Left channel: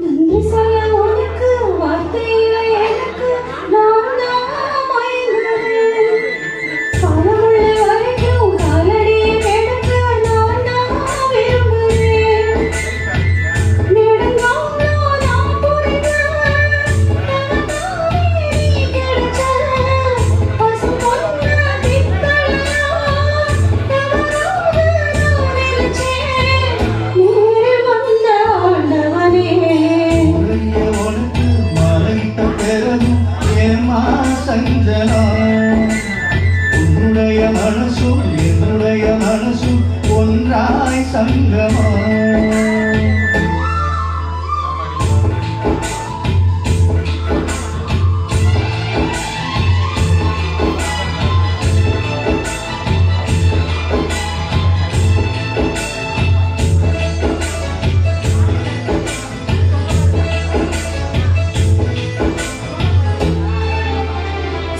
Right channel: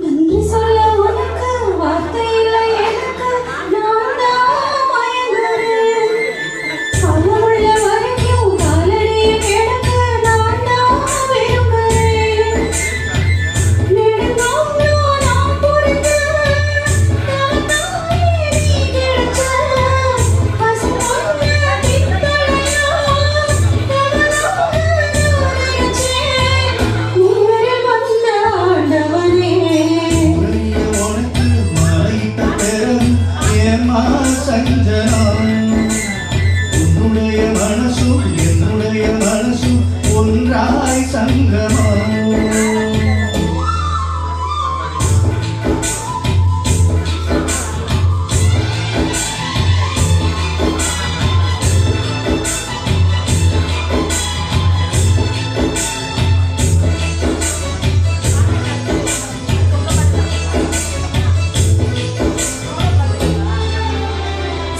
நன்றி சொல்ல உனக்கு வார்த்தை இல்லை எனக்கு, நான் தான் மயங்குறேன். பலமுள்ள வரைக்கும் காலடி கிடக்க நான் தான் விரும்புகிறேன். நெடுங்காலம் நான் புரிஞ்ச நான் தான் நீ கிடைச்ச பசுமொன்ன திங்களையா கவனோடு நான் நினைச்சேன். நீரில் வந்த ஆண்டவனே உனக்கு மறைத்த பெரும் ஏமா சஞ்சனா, உன்னுடைய மனசும் என்னுடைய மனசும் ஒன்றாய் சங்கமா.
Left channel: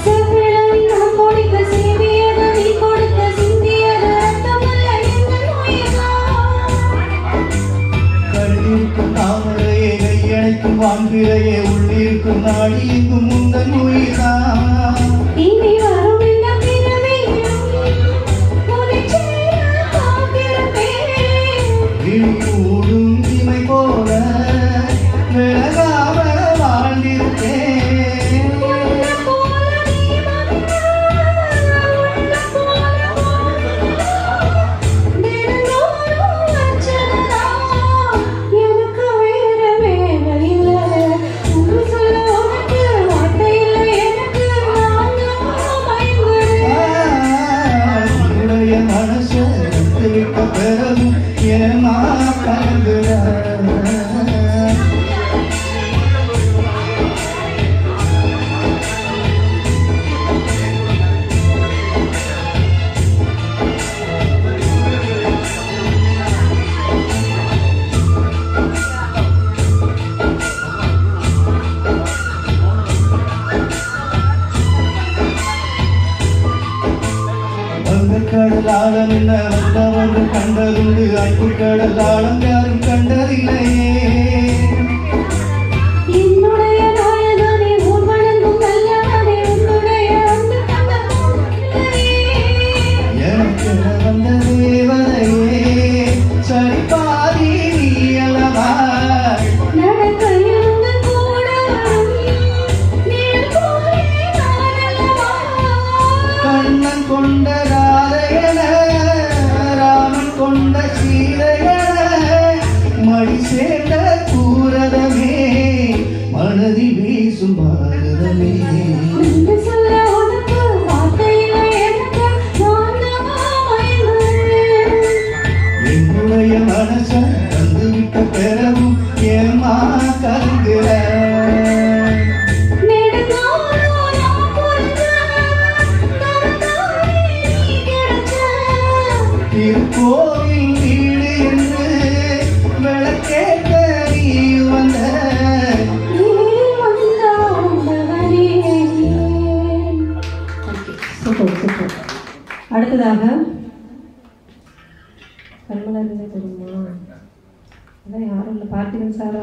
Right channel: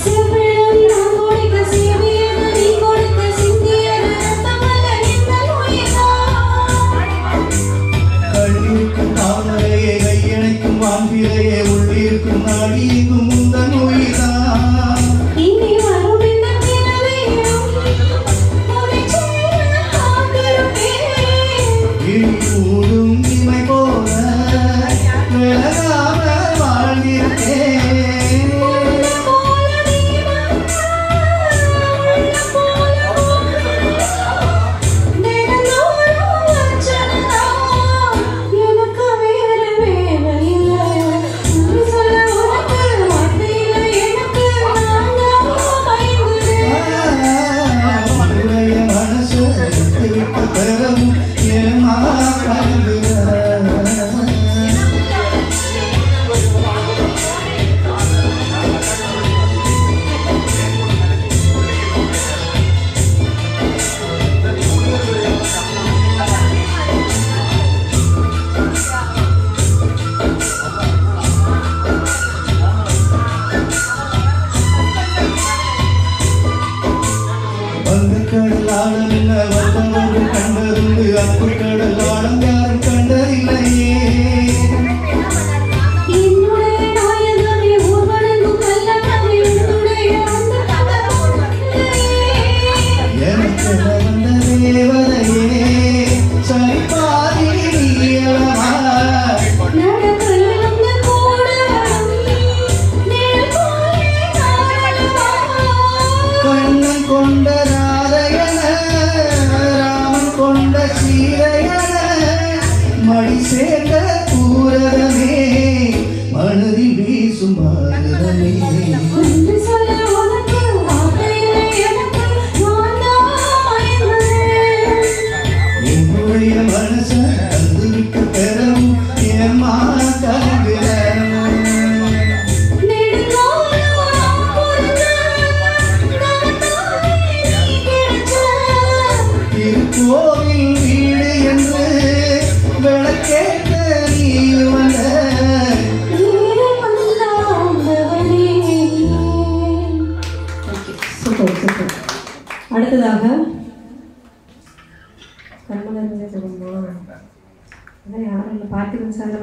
செவ்விழி நான் கொடுக்க சிவியது நீ கொடுக்க சிந்தியது ரத்தமல்ல இந்த நோய்தான். கண்ணிற்கும் தாமரையே கையணைக்கும் வாங்கிலையே உள்ளிருக்கும் நாடி எங்கும் இந்த நோய்தான். இனி வரும் இந்த பிறவியிலும் உன்னை சேர காத்திருப்பேன். இழியூடும் இமை போல விலகாம வாழ்ந்திருக்கேன். தினந்தோறும் அர்ச்சனைதான், எனக்கு வேறு வேலை இல்லை. நன்றி சொல்ல உனக்கு வார்த்தை இல்லை எனக்கு, நான் தான் மயங்குறேன். உன்னுடைய மனசு விட்ட பிறகு ஏமா கலங்குற. வங்கக்கடல் ஆழம் என்ன வந்தவர்கள் கண்டதுண்டு, அன்பு கடல் ஆழம் யாரும் கண்டதில்லையே. என்னுடைய நாயகனே ஊர்வனக்கும் நல்லவனே உன்னுடைய அன்பு தவறில்லையே. எனக்கு வந்த தேவதையே சரிபாதி நீயலவா. நடக்கையில் உந்து கூட நிழல் போலே நானல்லவா. கண்ணன் கொண்ட ராதையன ராமன் கொண்ட சீதையன மடி சேர்ந்த கூரதமே மனதில் வீசும் பாரதமே. நன்றி சொல்ல உனக்கு வார்த்தை இல்லை எனக்கு, நான் தான் மயங்குறேன். என்னுடைய மனச தந்துவிட்ட பிறகும் ஏமா கலங்குற. நெடுங்காலம் நான் புரிஞ்ச நான் தான் நீ கிடைச்ச திருக்கோவில் வீடு என்று விளக்கேற்ற நீ வந்த. நீரில் வந்த ஆண்டவனே. Super super. அடுத்ததாக கர்மலா இருந்து சொல்லுமா, அதான் யாரும் இல்லை, பார்த்திபன் சார்